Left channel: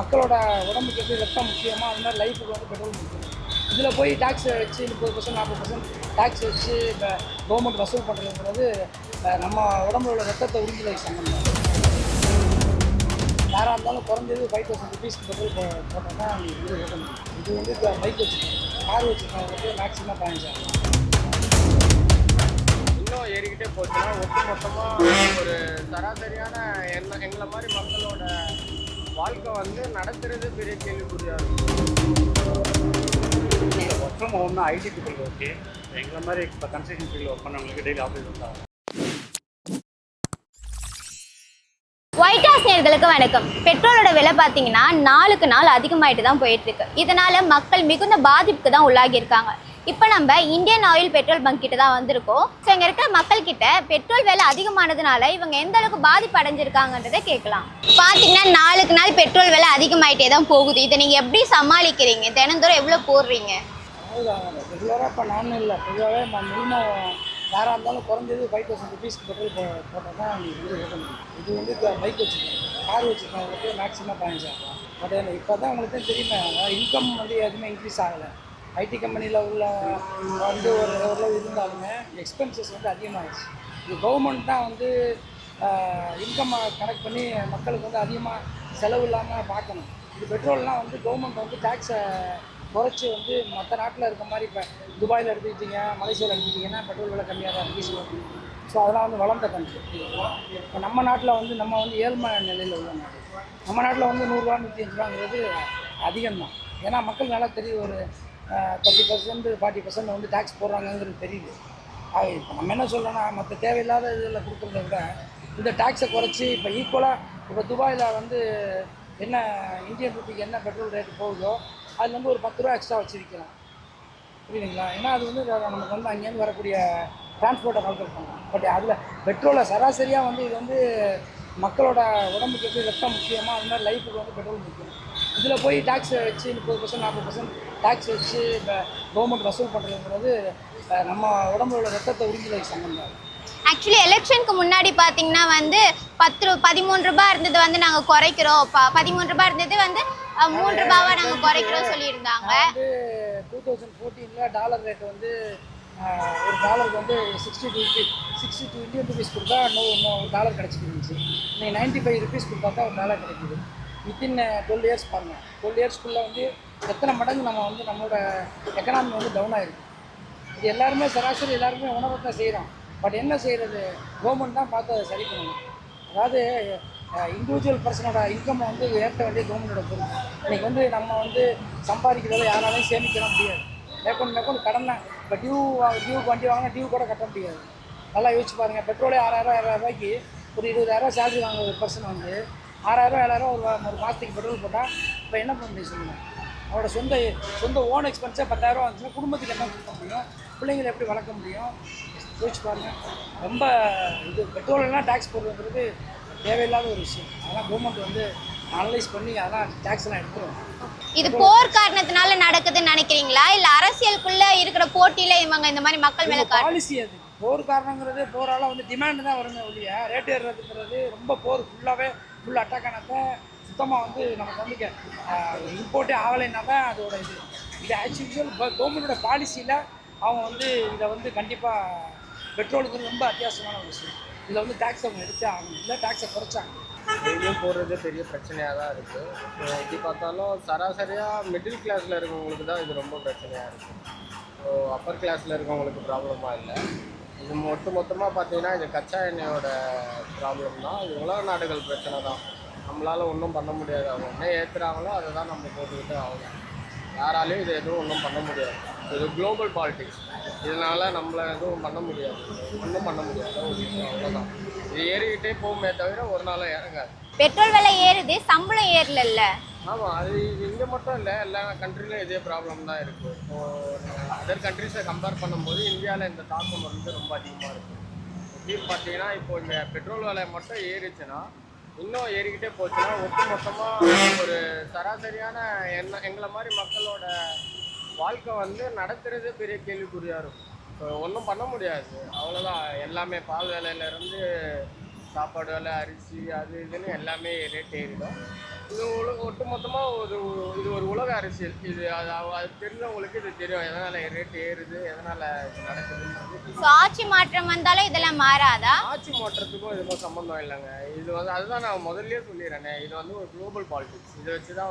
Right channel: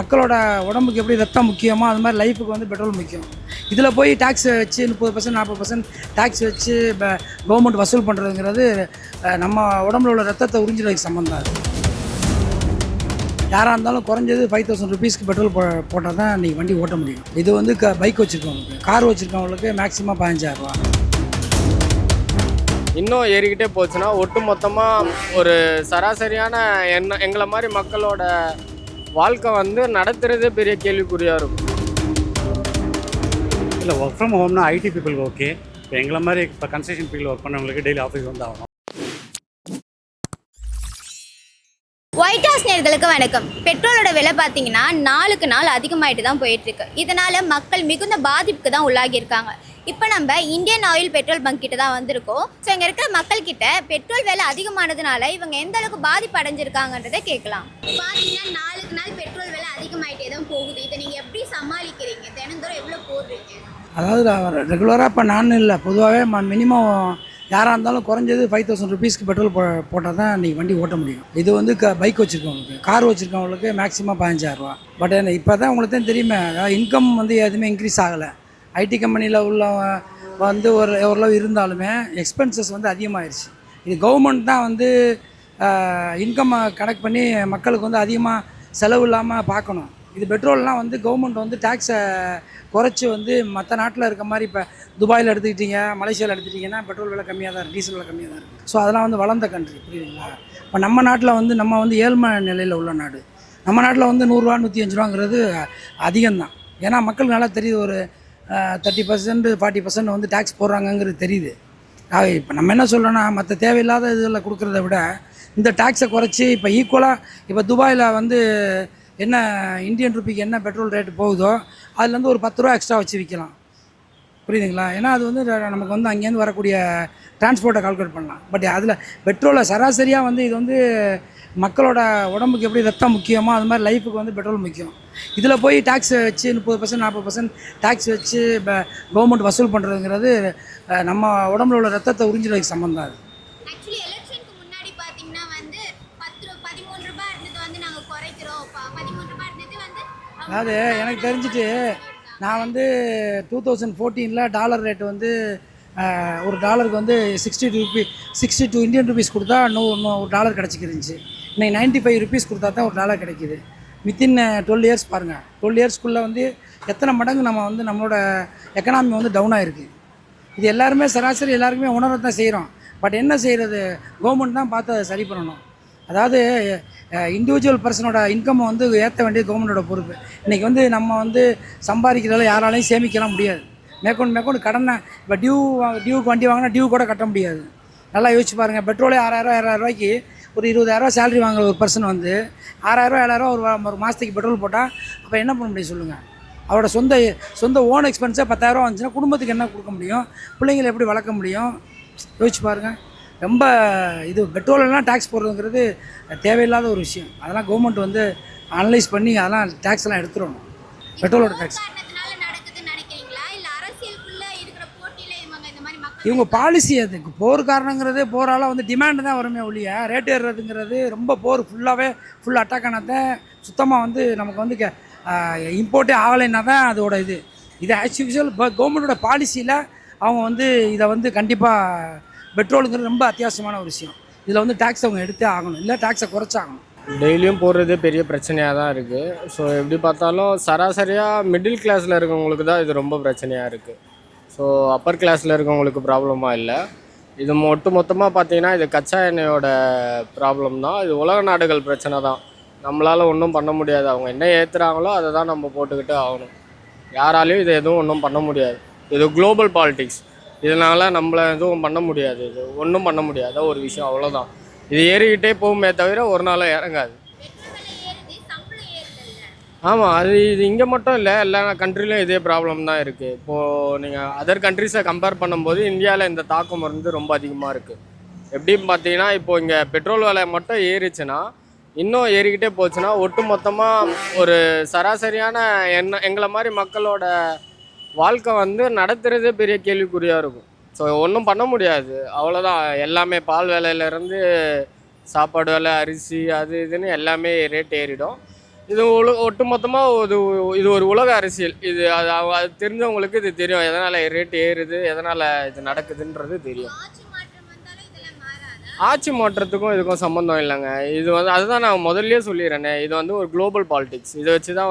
மக்களோட உடம்புக்கு எப்படி ரத்தம் முக்கியமோ அது மாதிரி லைஃபுக்கு வந்து பெட்ரோல் முக்கியம். இதில் போய் டேக்ஸ் வச்சு 30% 40% டேக்ஸ் வச்சு இப்போ கவர்மெண்ட் வசூல் பண்ணுறதுங்கிறது நம்ம உடம்புல உள்ள ரத்தத்தை உறிஞ்சுறதுக்கு சம்மந்தம் அது. யாராக இருந்தாலும் குறைஞ்சது 5000 ருபீஸ்க்கு பெட்ரோல் போட்டால் தான் இன்றைக்கி வண்டி ஓட்ட முடியும். இது வந்து பைக் வச்சுருக்கவங்களுக்கு, கார் வச்சுருக்கவங்களுக்கு மேக்ஸிமம் 15000 ரூபா. இன்னும் ஏறிக்கிட்டே போச்சுன்னா ஒட்டு மொத்தமாக ஒரு சராசரியான எங்களை மாதிரி மக்களோட வாழ்க்கை வந்து நடத்துறதே பெரிய கேள்விக்குறியாக இருக்கும். இல்லை, ஒர்க் ஃப்ரம் ஹோம்னா ஐடி பீப்புளுக்கு ஓகே. இப்போ எங்களை மாதிரி இப்போ கன்ஸ்ட்ரக்ஷன் ஃபீல்டில் ஒர்க் பண்ணவங்களுக்கு டெய்லி ஆஃபீஸ் வந்து ஆகும். ஒயிட் ஹவுஸ் நேயர்களுக்கு வணக்கம். பெட்ரோலோட விலை பார்த்தீங்கன்னா நாளுக்கு நாள் அதிகமாகிட்டு தான் போயிட்டுருக்கு. இதனால் மக்கள் மிகுந்த பாதிப்புக்கு தான் உள்ளாகியிருக்காங்க. இப்போ நம்ம இந்தியன் ஆயில் பெட்ரோல் பங்க் கிட்ட தான் வந்திருக்கோம். ஸோ இங்கே இருக்கிற மக்கள்கிட்ட பெட்ரோல் விலை அதிகமானதுனால இவங்க எந்த அளவுக்கு பாதிப்பு அடைஞ்சிருக்காங்கன்றதை கேட்கலாம். பார்த்தீங்கன்னா நாளுக்கு நாள் பெட்ரோல் விலை அதிகமாகிட்டே தான் போகுது. இதை நீங்கள் எப்படி சமாளிக்கிறீங்க? தினந்தோறும் எவ்வளோ போடுறீங்க? அதாவது ரெகுலராக இப்போ நான் இல்லை, பொதுவாகவே மினிமம் யாராக இருந்தாலும் குறைஞ்சது 5000 ருபீஸ்க்கு பெட்ரோல் போட்டால் தான் இன்றைக்கி வண்டி ஓட்ட முடியும். இது வந்து பைக் வச்சுருக்கவங்களுக்கு, கார் வச்சுருக்கவங்களுக்கு மேக்ஸிமம் 15000 ரூபா. பட் இப்போ தான் உங்களுக்கு தான் தெரியுமே, அதாவது இன்கம் வந்து எதுவுமே இன்க்ரீஸ் ஆகலை. ஐடி கம்பெனியில் உள்ள வந்து ஓரளவு இருந்தாலுமே எக்ஸ்பென்சஸ் வந்து அதிகமாகிடுச்சு. இது கவர்மெண்ட் தான் வந்து இன்கம் கனெக்ட் பண்ணி மக்களுக்கு வந்து அதிகமாக செலவு இல்லாமல் பார்க்கணும். இது பெட்ரோல்லாம் வந்து கவர்மெண்ட் வந்து டேக்ஸை குறைச்சி வந்து மற்ற நாட்டில் இருக்க மாதிரி இப்போ துபாயில் எடுத்துக்கிட்டிங்க, மலேசியாவில் எடுத்துக்கிட்டிங்கன்னா பெட்ரோல் விலை கம்மியாக தான், டீசல் விலை கம்மியாக தான். ஸோ அதெல்லாம் வந்து வளர்ந்த கண்ட்ரி. இப்போ நம்ம நாட்டில் வந்து நம்ம வந்து ஏழ்மை நிலையில் உள்ள நாடு. நம்ம நாட்டில் வந்து 100 ரூபா 105 ரூபாங்கிறது அதிகம்தான். ஏன்னா மக்கள் நல்லா தெரியுது, ஒரு 30% 40% வந்து டேக்ஸ் போடுறாங்கங்கிறது தெரியுது. இப்போ நம்ம என்ன சொல்கிறோன்னா, மற்ற தேவையில்லாத இதில் கொடுக்குறத விட இந்த டேக்ஸை குறைச்சி இப்போ ஈக்குவலாக இப்போ துபாயில் வந்து என்ன இந்தியன் ருபிக்கு என்ன பெட்ரோல் ரேட்டு போகுதோ அதுலேருந்து ஒரு 10 ரூபா எக்ஸ்ட்ரா வச்சு விற்கலாம். புரியுதுங்களா? ஏன்னா அது வந்து நமக்கு வந்து அங்கேருந்து வரக்கூடிய டிரான்ஸ்போர்ட்டை கால்குலேட் பண்ணலாம். பட் அதில் பெட்ரோலை சராசரியாக வந்து இது வந்து மக்களோட உடம்புக்கு எப்படி ரத்தம் முக்கியமோ அது மாதிரி லைஃபுக்கு வந்து பெட்ரோல் முக்கியம். இதில் போய் டேக்ஸ் வச்சு 30% 40% டேக்ஸ் வச்சு இப்போ கவர்மெண்ட் வசூல் பண்ணுறதுங்கிறது நம்ம உடம்புல உள்ள ரத்தத்தை உறிஞ்சுறதுக்கு சம்மந்தம் அது. ஆக்சுவலி எலெக்ஷனுக்கு முன்னாடி பார்த்தீங்கன்னா வந்து 13 ரூபாய் இருந்தது வந்து நாங்கள் குறைக்கிறோம், 13 ரூபாய் இருந்தது வந்து 3 ரூபாவை நாங்கள் குறைக்கிறோம் சொல்லியிருந்தாங்க. நான் வந்து 2014 டாலர் ரேட் வந்து ஒரு டாலருக்கு வந்து 62 இந்தியன் ருபீஸ் கொடுத்தா இன்னும் ஒரு டாலர் கிடச்சிக்கிருந்துச்சு. இன்னைக்கு 95 ருபீஸ் கொடுத்தா தான் ஒரு டாலர் கிடைக்கிது. வித்தின் 12 இயர்ஸ் பாருங்கள், 12 இயர்ஸ்க்குள்ளே வந்து எத்தனை மடங்கு நம்ம வந்து நம்மளோட எக்கனாமி வந்து டவுன் ஆகிருக்கு. இது எல்லாருமே சராசரி எல்லாருக்குமே உணரத்தான் செய்கிறோம். பட் என்ன செய்கிறது, கவர்மெண்ட் தான் பார்த்து அதை சரி பண்ணணும். அதாவது இண்டிவிஜுவல் பர்சனோட இன்கம் வந்து ஏற்ற வேண்டிய கவர்மெண்டோட பொறுப்பு. இன்றைக்கி வந்து நம்ம வந்து சம்பாதிக்கிறதால யாராலையும் சேமிக்கலாம் முடியாது. மேற்கொண்டு கடனை இப்போ டியூக்கு வண்டி வாங்கினா டியூ கூட கட்ட முடியாது. நல்லா யோசிச்சு பாருங்கள், பெட்ரோலே 6000 ரூபாய்க்கு ஒரு 20000 சேலரி வாங்குற ஒரு பர்சன் வந்து 6000 7000 ஒரு மாதத்துக்கு பெட்ரோல் போட்டால் அப்போ என்ன பண்ண முடியும் சொல்லுங்கள்? அவரோட சொந்த ஓன் எக்ஸ்பென்ஸே 10000 வந்துச்சுன்னா குடும்பத்துக்கு என்ன கொடுக்க முடியும்? பிள்ளைங்களை எப்படி வளர்க்க முடியும்? யோசிச்சு பாருங்கள். ரொம்ப இது பெட்ரோலெல்லாம் டேக்ஸ் போடுறதுங்கிறது தேவையில்லாத ஒரு விஷயம். அதெல்லாம் கவர்மெண்ட் வந்து அனலைஸ் பண்ணி அதெல்லாம் டேக்ஸ் எல்லாம் எடுத்துரும். இது போர் காரணத்தினால நடக்குதுன்னு நினைக்கிறீங்களா, இல்ல அரசியலுக்குள்ள இருக்கிற போட்டியில இவங்க இந்த மாதிரி மக்கள் பாலிசி? அதுக்கு போர் காரணங்கிறது போரால வந்து டிமாண்ட் தான் வருமே ஒழிய ரேட் ஏறுறதுங்கிறது ரொம்ப போர் ஃபுல் அட்டாக் ஆனதை சுத்தமாக வந்து நமக்கு வந்து இம்போர்ட்டே ஆகலைன்னா தான் அதோட இது ஆஸ் யூஷுவல் கவர்மெண்டோட பாலிசியில் அவங்க வந்து இதை வந்து கண்டிப்பாக பெட்ரோலுங்கிறது ரொம்ப அத்தியாவசியமான ஒரு விஷயம். இதில் வந்து டேக்ஸ் அவங்க எடுத்தே ஆகணும், இல்லை டேக்ஸை குறைச்சாகணும். டெய்லியும் போடுறதே பெரிய பிரச்சனையாக தான் இருக்குது. ஸோ எப்படி பார்த்தாலும் சராசரியாக மிடில் கிளாஸில் இருக்கவங்களுக்கு தான் இது ரொம்ப பிரச்சனையாக இருக்குது. ஸோ அப்பர் கிளாஸில் இருக்கவங்களுக்கு ப்ராப்ளமாக இல்லை. இது மொத்தமாக பார்த்தீங்கன்னா இது கச்சா எண்ணெயோட ப்ராப்ளம் தான். இது உலக நாடுகள் பிரச்சனை தான். நம்மளால் ஒன்றும் பண்ண முடியாது. அவங்க என்ன ஏற்றுறாங்களோ அதை தான் நம்ம போட்டுக்கிட்டு ஆகணும். யாராலையும் இதை எதுவும் ஒன்றும் பண்ண முடியாது. இது குளோபல் பாலிட்டிக்ஸ். இதனால் நம்மளை எதுவும் பண்ண முடியாது. இது ஒன்றும் பண்ண முடியாத ஒரு விஷயம், அவ்வளோதான். இது ஏறிக்கிட்டே போகுமே தவிர ஒரு நாள் இறங்காது. பெட்ரோல் விலை ஏறுது, சம்பளம் ஏறல. ஆமாம், இது இங்கே மட்டும் இல்லை, எல்லா கண்ட்ரிலையும் இதே ப்ராப்ளம் தான் இருக்குது. இப்போது நீங்கள் அதர் கண்ட்ரிஸை கம்பேர் பண்ணும்போது இந்தியாவில் இந்த தாக்கம் வந்து ரொம்ப அதிகமாக இருக்குது. எப்படின்னு பார்த்தீங்கன்னா, இப்போது இங்கே பெட்ரோல் விலை மட்டும் ஏறிச்சுன்னா இன்னும் ஏறிக்கிட்டே போச்சுன்னா ஒட்டு மொத்தமாக ஒரு சராசரியான எங்களை மாதிரி மக்களோட வாழ்க்கை வந்து நடத்துகிறதே பெரிய கேள்விக்குறியாக இருக்கும். ஸோ ஒன்றும் பண்ண முடியாது, அவ்வளோதான். எல்லாமே பால் விலையிலேருந்து சாப்பாடு விலை, அரிசி, அது இதுன்னு எல்லாமே ரேட் ஏறிடும். இது ஒட்டுமொத்தமாக இது ஒரு உலக அரசியல். இது அது தெரிஞ்சவங்களுக்கு இது தெரியும், எதனால் ரேட் ஏறுது, எதனால் இது நடக்குதுன்றது தெரியும். ஆட்சி மாற்றம் வந்தாலும் இதெல்லாம் மாறாதா? ஆட்சி மாற்றத்துக்கும் இதுக்கும் சம்மந்தம் இல்லைங்க. இது அதுதான் நான் முதல்லயே சொல்லிடுறேனே, இது ஒரு குளோபல் பாலிடிக்ஸ். இதை வச்சு தான்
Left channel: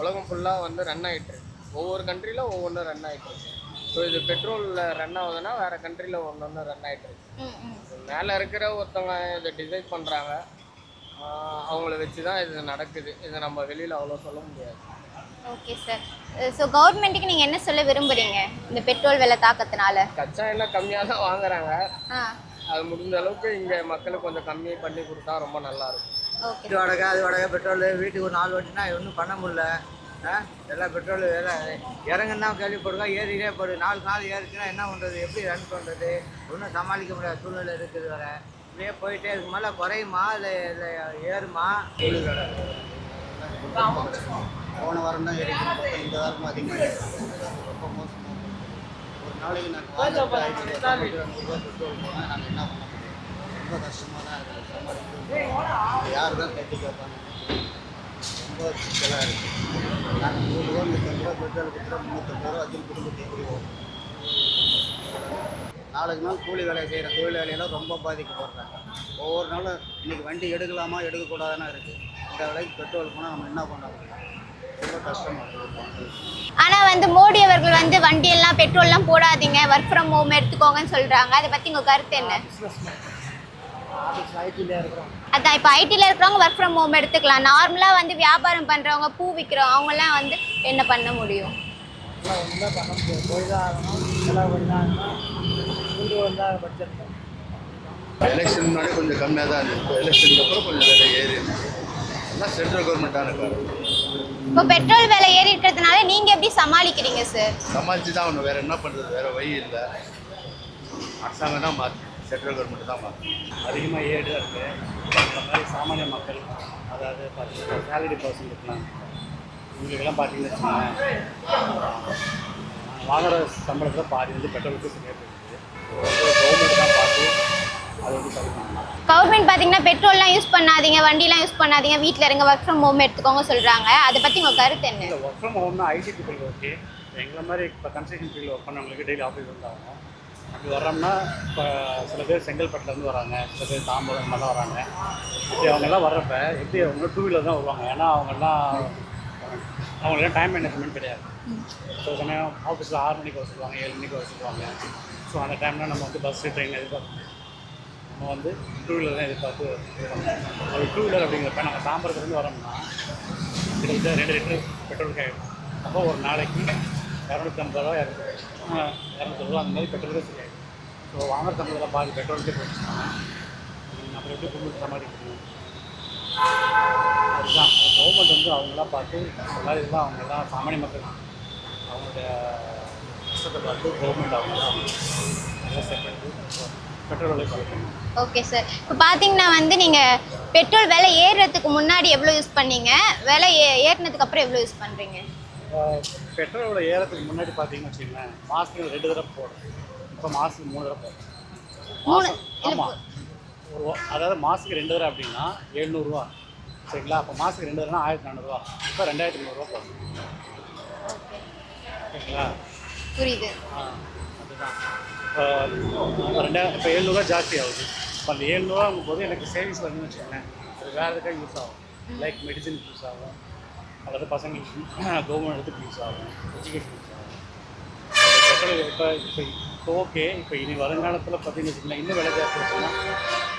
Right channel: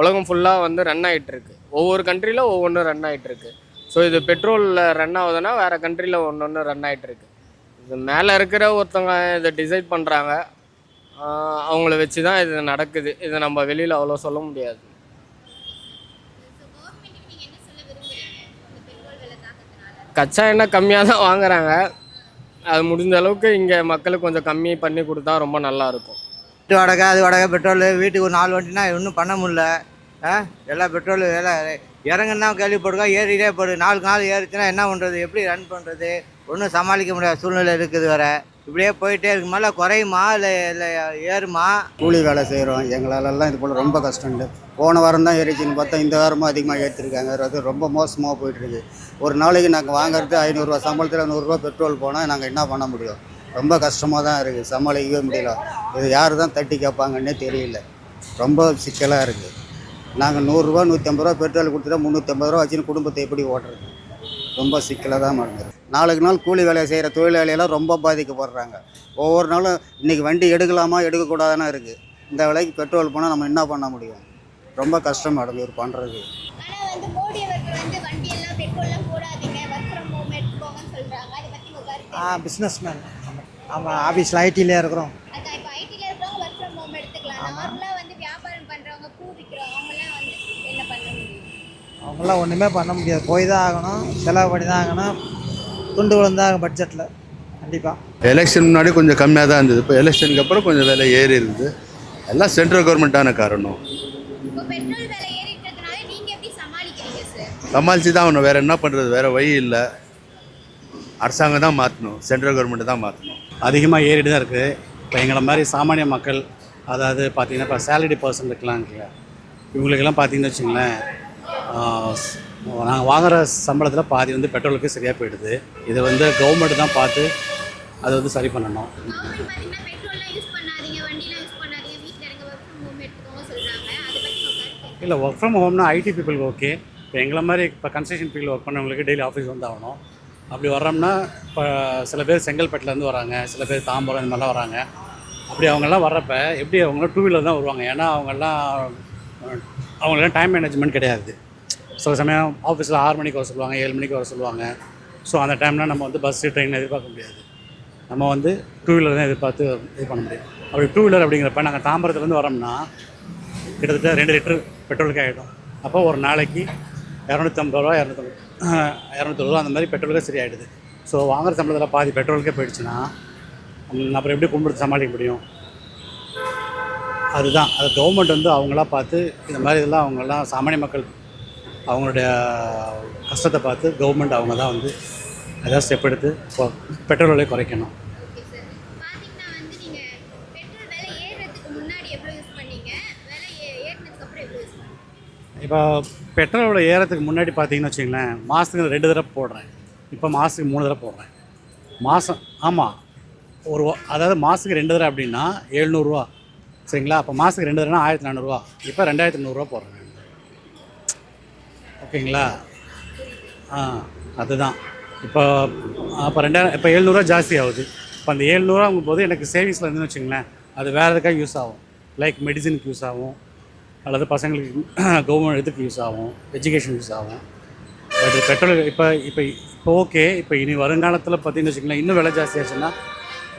உலகம் ஃபுல்லாக ரன் ஆகிட்டுருக்கு. ஒவ்வொரு கண்ட்ரியில் ஒவ்வொன்றும் ரன் ஆகிட்டுருக்கு. ஸோ இது பெட்ரோலில் ரன் ஆகுதுன்னா வேறு கண்ட்ரியில் ஒன்று ரன் ஆகிட்டுருக்கு. இது மேலே இருக்கிற ஒருத்தவங்க இதை டிசைட் பண்ணுறாங்க, அவங்கள வச்சு தான் இது நடக்குது. இதை நம்ம வெளியில் அவ்வளோ சொல்ல முடியாது. Okay sir. ஸோ கவர்மெண்ட்டுக்கு நீங்கள் என்ன சொல்ல விரும்புகிறீங்க இந்த பெட்ரோல் விலை தாக்கத்தினால? கச்சா எண்ணெய் கம்மியாக தான் வாங்குறாங்க. அது முடிஞ்ச அளவுக்கு இங்கே மக்களுக்கு கொஞ்சம் கம்மி பண்ணி கொடுத்தா ரொம்ப நல்லாயிருக்கும். வீட்டு வாடகை, அது வாடகை, பெட்ரோல், வீட்டுக்கு ஒரு 4 வண்டினா ஒன்றும் பண்ண முடியல. எல்லா பெட்ரோல் விலை இறங்குன்னா கேள்விப்படுறோம், ஏறிட்டே போடுது. 4 நாள் ஏறிச்சுன்னா என்ன பண்ணுறது, எப்படி ரன் பண்ணுறது, ஒன்றும் சமாளிக்க முடியாத சூழ்நிலை இருக்குது. வர இப்படியே போயிட்டே இருக்கு. மேலே குறையுமா இல்லை ஏறுமா? கூலி வேலை செய்கிறோம், எங்களாலெல்லாம் இது போல் ரொம்ப கஷ்டங்க. போன வாரம் தான் ஏறிச்சுன்னு பார்த்தா இந்த வாரமும் அதிகமாக ஏற்றிருக்காங்க. அது ரொம்ப மோசமாக போயிட்டுருக்கு. ஒரு நாளைக்கு நாங்கள் வாங்குறது 500 ரூபா சம்பளத்தில் 100 ரூபா பெட்ரோல் போனால் நாங்கள் என்ன பண்ண முடியும்? ரொம்ப கஷ்டமாக தான் இருக்குது, சமாளிக்கவே முடியல. இது யார் தான் தட்டி கேட்பாங்கன்னே தெரியல, ரொம்ப சிக்கலாக இருக்குது. நாங்கள் 100 ரூபா 150 ரூபா பெட்ரோல் கொடுத்துட்டா 350 ரூபா வச்சுன்னு குடும்பத்தை எப்படி ஓட்டுறது? ரொம்ப சிக்கலாக தான் இருக்குது. நாளுக்கு நாள் கூலி வேலையை செய்கிற தொழிலாளியெல்லாம் ரொம்ப பாதிக்கப்படுறாங்க. ஒவ்வொரு நாளும் இன்றைக்கி வண்டி எடுக்கலாமா எடுக்கக்கூடாதுன்னு இருக்குது. இந்த விலைக்கு பெட்ரோல் போனால் நம்ம என்ன பண்ண முடியும்? ரொம்ப கஷ்டம் நடந்து பண்ணுறது. ஆனால் மோடி அவர்கள் வண்டியெல்லாம் பெட்ரோல்லாம் போடாதீங்க, ஒர்க் ஃப்ரம் ஹோம் எடுத்துக்கோங்கன்னு சொல்கிறாங்க. அதை பற்றி உங்கள் கருத்து என்ன? பிஸ்னஸ் மேன், ஆமாம், ஆஃபீஸில் ஐடியிலே இருக்கிறோம். அதான் இப்போ ஐடியில் இருக்கிறவங்க ஒர்க் ஃப்ரம் ஹோம் எடுத்துக்கலாம். நார்மலாக வியாபாரம் பண்ணுறவங்க, பூ விற்கிறவங்க, அவங்களாம் என்ன பண்ண முடியும்? அவங்களாம் ஒன்றுமே பண்ண முடியாது, போய் தான் ஆகணும், செலவு பண்ணி தான் ஆகணும். துண்டு விழுந்தாங்க பட்ஜெட்டில் கண்டிப்பாக. எலெக்ஷன் முன்னாடி கொஞ்சம் கம்மியாக தான் இருந்தது, இப்போ எலெக்ஷனுக்கு அப்புறம் கொஞ்சம் விலை ஏறி இருக்குது. எல்லாம் சென்ட்ரல் கவர்மெண்ட்டான காரணம். இப்போ பெட்ரோல் விலை ஏறி இருக்கிறதுனால நீங்கள் எப்படி சமாளிக்கிறீங்க சார்? சமாளித்து தான் ஆகணும், வேறு என்ன பண்ணுறது, வேறு வழி இல்லை. அரசாங்கம் தான் மாற்றணும், சென்ட்ரல் கவர்மெண்ட்டு தான் மாற்றணும். அதிகமாக ஏறிட்டு தான் இருக்குது. இப்போ எங்களை மாதிரி சாமானிய மக்கள், அதாவது பார்த்திங்கன்னா இப்போ சேலரி பர்சன் இருக்கலாம் இருக்குல்ல, இவங்களுக்கெல்லாம் பார்த்திங்கன்னு வச்சுங்களேன், நாங்கள் வாங்குகிற சம்பளத்தில் பாதி பெட்ரோலுக்கு சரியாக போயிடுது. இதை கவர்மெண்ட் தான் பார்த்து அதை சரி பண்ணணும். கவர்மெண்ட் பார்த்தீங்கன்னா பெட்ரோல்லாம் யூஸ் பண்ணாதீங்க, வண்டிலாம் யூஸ் பண்ணாதீங்க, வீட்டில் இருங்க, ஒர்க் ஃப்ரம் ஹோம் எடுத்துக்கோங்க சொல்கிறாங்க. அதை பற்றி உங்கள் கருத்து என்ன? இல்லை, ஒர்க் ஃப்ரம் ஹோம்னா ஐடி பீப்புளுக்கு ஓகே. இப்போ எங்களை மாதிரி இப்போ கன்ஸ்ட்ரக்ஷன் ஃபீல்டில் ஒர்க் பண்ணவங்களுக்கு டெய்லி ஆஃபீஸ் ஆகணும். அப்படி வர்றோம்னா இப்போ சில பேர் செங்கல்பட்டுலேருந்து வராங்க, சில பேர் தாம்பரம் இந்த மாதிரிலாம் வராங்க. இப்படி அவங்கெல்லாம் வர்றப்ப எப்படி அவங்களாம் 2 வீலர் தான் வருவாங்க. ஏன்னா அவங்களாம் டைம் மேனேஜ்மெண்ட் கிடையாது. சில சமயம் ஆஃபீஸில் 6 மணிக்கு வர சொல்லுவாங்க, 7 மணிக்கு வர சொல்லுவாங்க. ஸோ அந்த டைம்லாம் நம்ம பஸ்ஸு ட்ரெயின் எதிர்பார்க்க முடியாது. நம்ம 2 வீலர் தான் எதிர்பார்த்து இது பண்ண முடியும். அப்படி 2 வீலர் அப்படிங்கிறப்ப நாங்கள் தாம்பரத்துலேருந்து வரோம்னா கிட்டத்தட்ட 2 லிட்டர் பெட்ரோலுக்கு ஆகிடும். அப்போ ஒரு நாளைக்கு 250 ரூபா 200 ரூபா அந்த மாதிரி பெட்ரோலுக்கே சரியாயிடுது. ஸோ வாங்குகிற சம்பளத்தில் பாதி பெட்ரோலுக்கே போயிடுச்சுன்னா அப்புறம் எப்படி கும்பிட்டு சமாளிக்க முடியும்? அதுதான் அது கவர்மெண்ட் அவங்களா பார்த்து இந்த மாதிரி இதெல்லாம் அவங்கெல்லாம் சாமானிய மக்கள் அவங்களுடைய கஷ்டத்தை பார்த்து கவர்மெண்ட் அவங்க தான் ஏதாவது ஸ்டெப் எடுத்து பெட்ரோல் விலையை குறைக்கணும். Okay sir. இப்போ பார்த்தீங்கன்னா நீங்கள் பெட்ரோல் விலை ஏறுறதுக்கு முன்னாடி எவ்வளோ யூஸ் பண்ணீங்க, விலை ஏறினதுக்கு அப்புறம் எவ்வளோ யூஸ் பண்ணுறீங்க? இப்போ பெட்ரோலோட ஏறத்துக்கு முன்னாடி பார்த்தீங்கன்னு வச்சிங்களேன், மாதத்துக்கு 2 தடவை போடுறேன். இப்போ மாதத்துக்கு 3 தடவை போடுறேன். மாதம் ஆமாம், அதாவது மாதத்துக்கு 2 தடவை அப்படின்னா 700 ரூபா சரிங்களா? அப்போ மாதத்துக்கு 2 தடவைனா 1400 ரூபா. இப்போ 2300 ரூபா போடுறேன். ஓகேங்களா? புரியுது. அதுதான் இப்போ 700 ரூபா ஜாஸ்தி ஆகுது. இப்போ அந்த 700 ரூபாங்கும் போது எனக்கு சேவிங்ஸில் இருந்துன்னு வச்சுங்களேன், அது வேறு எதுக்காக யூஸ் ஆகும். லைக் மெடிசனுக்கு யூஸ் ஆகும், அல்லது பசங்களுக்கு கவர்மெண்ட் இதுக்கு யூஸ் ஆகும், எஜுகேஷன் யூஸ் ஆகும். அது பெட்ரோல் இப்போ ஓகே. இப்போ இனி வருங்காலத்தில் பார்த்தீங்கன்னு வச்சுக்கலாம், இன்னும் விலை ஜாஸ்தி ஆச்சுன்னா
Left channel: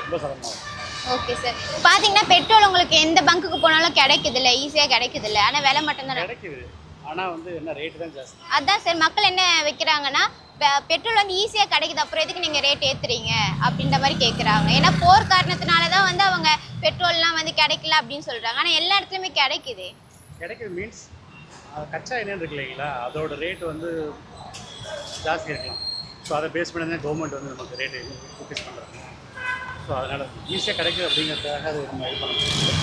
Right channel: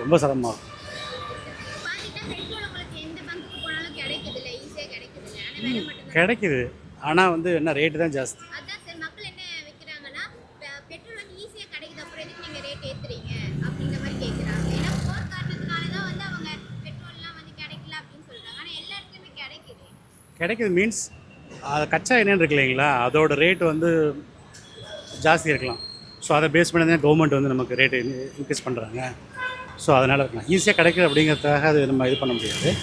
ரொம்ப சிரமமாகும். Okay sir. பார்த்தீங்கன்னா பெட்ரோல் உங்களுக்கு எந்த பங்குக்கு போனாலும் கிடைக்குதுல்ல, ஈஸியாக கிடைக்குதுல்ல, ஆனால் விலை மட்டும்தான் கிடைக்குது. ஆனால் என்ன ரேட்டு தான் ஜாஸ்தி. அதுதான் சார், மக்கள் என்ன வைக்கிறாங்கன்னா பெட்ரோல் ஈஸியாக கிடைக்குது, அப்புறம் எதுக்கு நீங்கள் ரேட் ஏற்றுறீங்க அப்படின்ற மாதிரி கேட்குறாங்க. ஏன்னா போர் காரணத்தினால தான் அவங்க பெட்ரோல்லாம் கிடைக்கல அப்படின்னு சொல்கிறாங்க. ஆனால் எல்லா இடத்துலையுமே கிடைக்குது மீன்ஸ் அது கச்சா என்னன்னு இருக்கு இல்லைங்களா, அதோட ரேட்டு ஜாஸ்தி இருக்கலாம். ஸோ அதை பேஸ் பண்ணி தான் கவர்மெண்ட் நமக்கு ரேட்டு இன்க்ரீஸ் பண்ணுறாங்க. ஸோ அதனால் இருக்கலாம் ஈஸியாக கிடைக்குது அப்படிங்கிறதுக்காக அது நம்ம இது பண்ண முடியாது.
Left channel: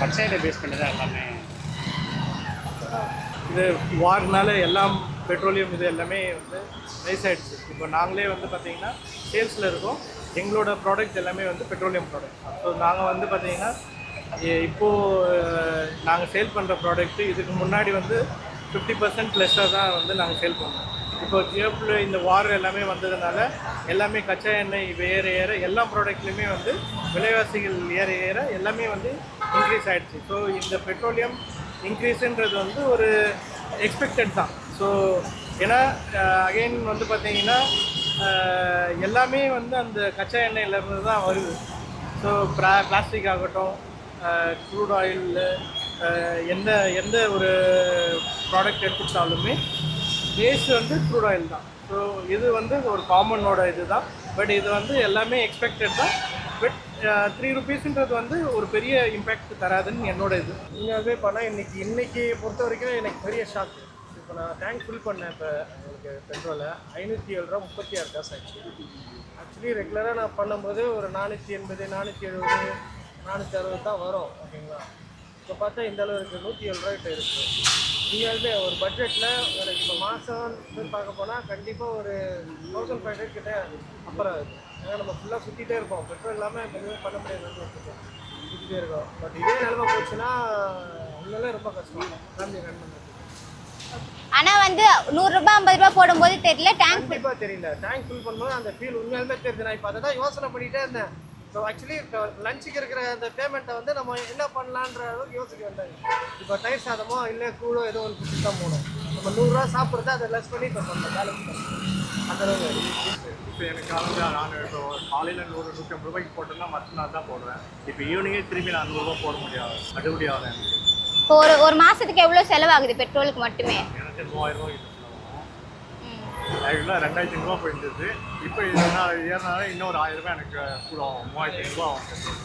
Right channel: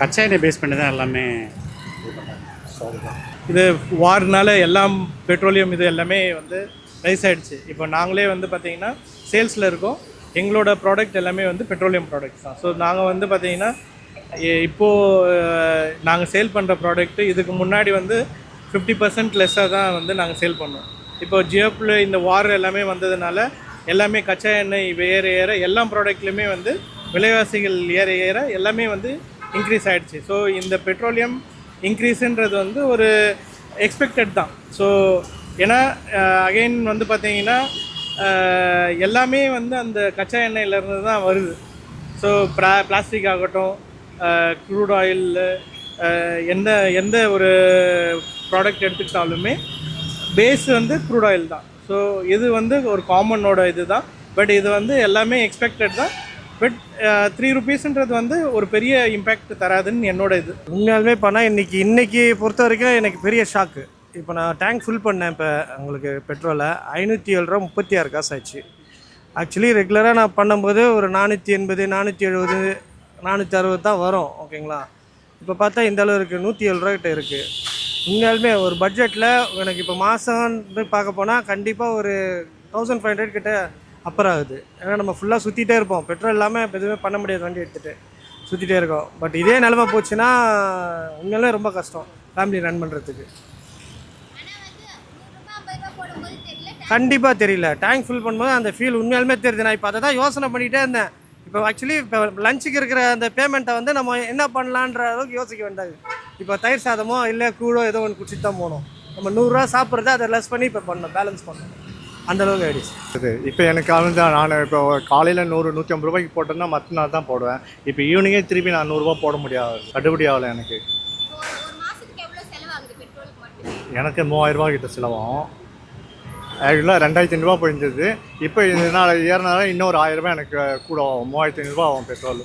கச்சா எண்ணெய் பேஸ் பண்ணி தான் எல்லாமே இது வார்னால எல்லாம் பெட்ரோலியம் இது எல்லாமே ரைஸ் ஆகிடுச்சு. இப்போ நாங்களே பார்த்திங்கன்னா சேல்ஸில் இருக்கோம். எங்களோட ப்ராடக்ட் எல்லாமே பெட்ரோலியம் ப்ராடக்ட்ஸ் தான். ஸோ நாங்கள் பார்த்திங்கன்னா இப்போது நாங்கள் சேல் பண்ணுற ப்ராடக்ட்டு இதுக்கு முன்னாடி வந்து 50% லெஸ்ஸாக தான் வந்து நாங்கள் சேல் பண்ணோம். இப்போ ஜியோப்பில் இந்த வார் எல்லாமே வந்ததுனால எல்லாமே கச்சா எண்ணெய் ஏற எல்லா ப்ராடக்ட்லையுமே வந்து விலைவாசிகள் ஏற எல்லாமே வந்து இன்க்ரீஸ் ஆகிடுச்சு. ஸோ இந்த பெட்ரோலியம் இன்க்ரீஸுன்றது வந்து ஒரு எக்ஸ்பெக்டட் தான். ஸோ ஏன்னா அகைன் வந்து பார்த்தீங்கன்னா எல்லாமே வந்து அந்த கச்சா எண்ணெயிலேருந்து தான் வருது. ஸோ பிளாஸ்டிக் ஆகட்டும், க்ரூட் ஆயில், எந்த ஒரு ப்ராடக்ட் எடுத்துக்கிட்டாலுமே பேஸ் வந்து க்ரூட் ஆயில் தான். ஸோ இது வந்து ஒரு காமனோட இது தான். பட் இது வந்து எல்லாமே எக்ஸ்பெக்டட் தான். பட் 3 rupeesன்றது வந்து ஒரு பெரிய இம்பேக்ட் தராதுன்னு என்னோட இது. உண்மையாலுமே பண்ணால் இன்றைக்கி பொறுத்த வரைக்கும் எனக்கு பெரிய ஷாக்கு. இப்போ நான் டேங்க் ஃபில் பண்ணேன். இப்போ உங்களுக்கு பெட்ரோலை 507 ரூபா 36 காசு ஆச்சு. ஆக்சுவலி ரெகுலராக நான் பண்ணும்போது ஒரு 480, 470, 460 தான் வரும். ஓகேங்களா? இப்போ பார்த்தா இந்த அளவு இருக்குது, 107 ரூபா கிட்ட இருக்குது. உண்மையாலுமே ஒரு பட்ஜெட்டில் எனக்கு இப்போ மாதம் பார்க்க போனால் கண்டிப்பாக ஒரு 1500 கிட்ட அப்பர் ஆகுது. ஏன்னா நம்ம ஃபுல்லாக சுற்றிட்டே இருப்போம். பெட்ரோல் இல்லாமல் இப்போ எதுவுமே பண்ண முடியாது. வண்டி எடுத்துகிட்டு சுற்றிட்டே இருக்கோம். பட் இதே நிலமை போச்சுன்னா உண்மையிலே ரொம்ப கஷ்டம் ஃபேமிலி ரன் பண்ணுறதுக்கு. ஆனால் வந்து 100 ரூபாய் 50 ரூபாய் போடும்போது தெரியல, கண்டிப்பாக தெரியல. டேங்க் ஃபில் பண்ணும்போது அந்த ஃபீல் உண்மையாலுமே தெரியுது. நான் இப்போ அதை தான் யோசனை பண்ணிகிட்டே இருந்தேன். இப்போ ஆக்சுவலி இப்போ லஞ்சுக்கு இருக்கிற அந்த பேமெண்ட்டை வந்து நம்ம என்ன பண்ணலான்ற அளவுக்கு யோசிக்க வேண்டாது. இப்போ தயிர் சாதமோ இல்லை கூடோ ஏதோ ஒன்று குடிச்சிட்டு தான் போகணும். நம்ம 100 ரூபா சாப்பிட்றது அதை லெஸ் பண்ணி இப்போ பண்ணணும், பேலன்ஸ் பண்ணணும். அந்தளவுக்கு ஆகிடுச்சு. இப்போ எனக்கு வந்து நான் இப்போ காலையில் 100, 150 ரூபாய்க்கு போட்டேன்னா மற்ற நாள் தான் போடுவேன். இப்போ ஈவினிங்கே திருப்பி நான் 100 ரூபா போட முடியாது, கட்டுப்படி ஆகலை எனக்கு. இப்போ ஒரு மாதத்துக்கு எவ்வளோ செலவாகுது பெட்ரோலுக்கு மட்டுமே? எனக்கு 3000 ரூபா கிட்ட செலவாகும். ஆக்சுவலாக 2500 ரூபா போயிருந்தது. இப்போ இதனால் ஏறினால இன்னொரு 1000 ரூபாய் எனக்கு கூட ஆகும். 3500 ரூபா ஆகும் பெட்ரோல்.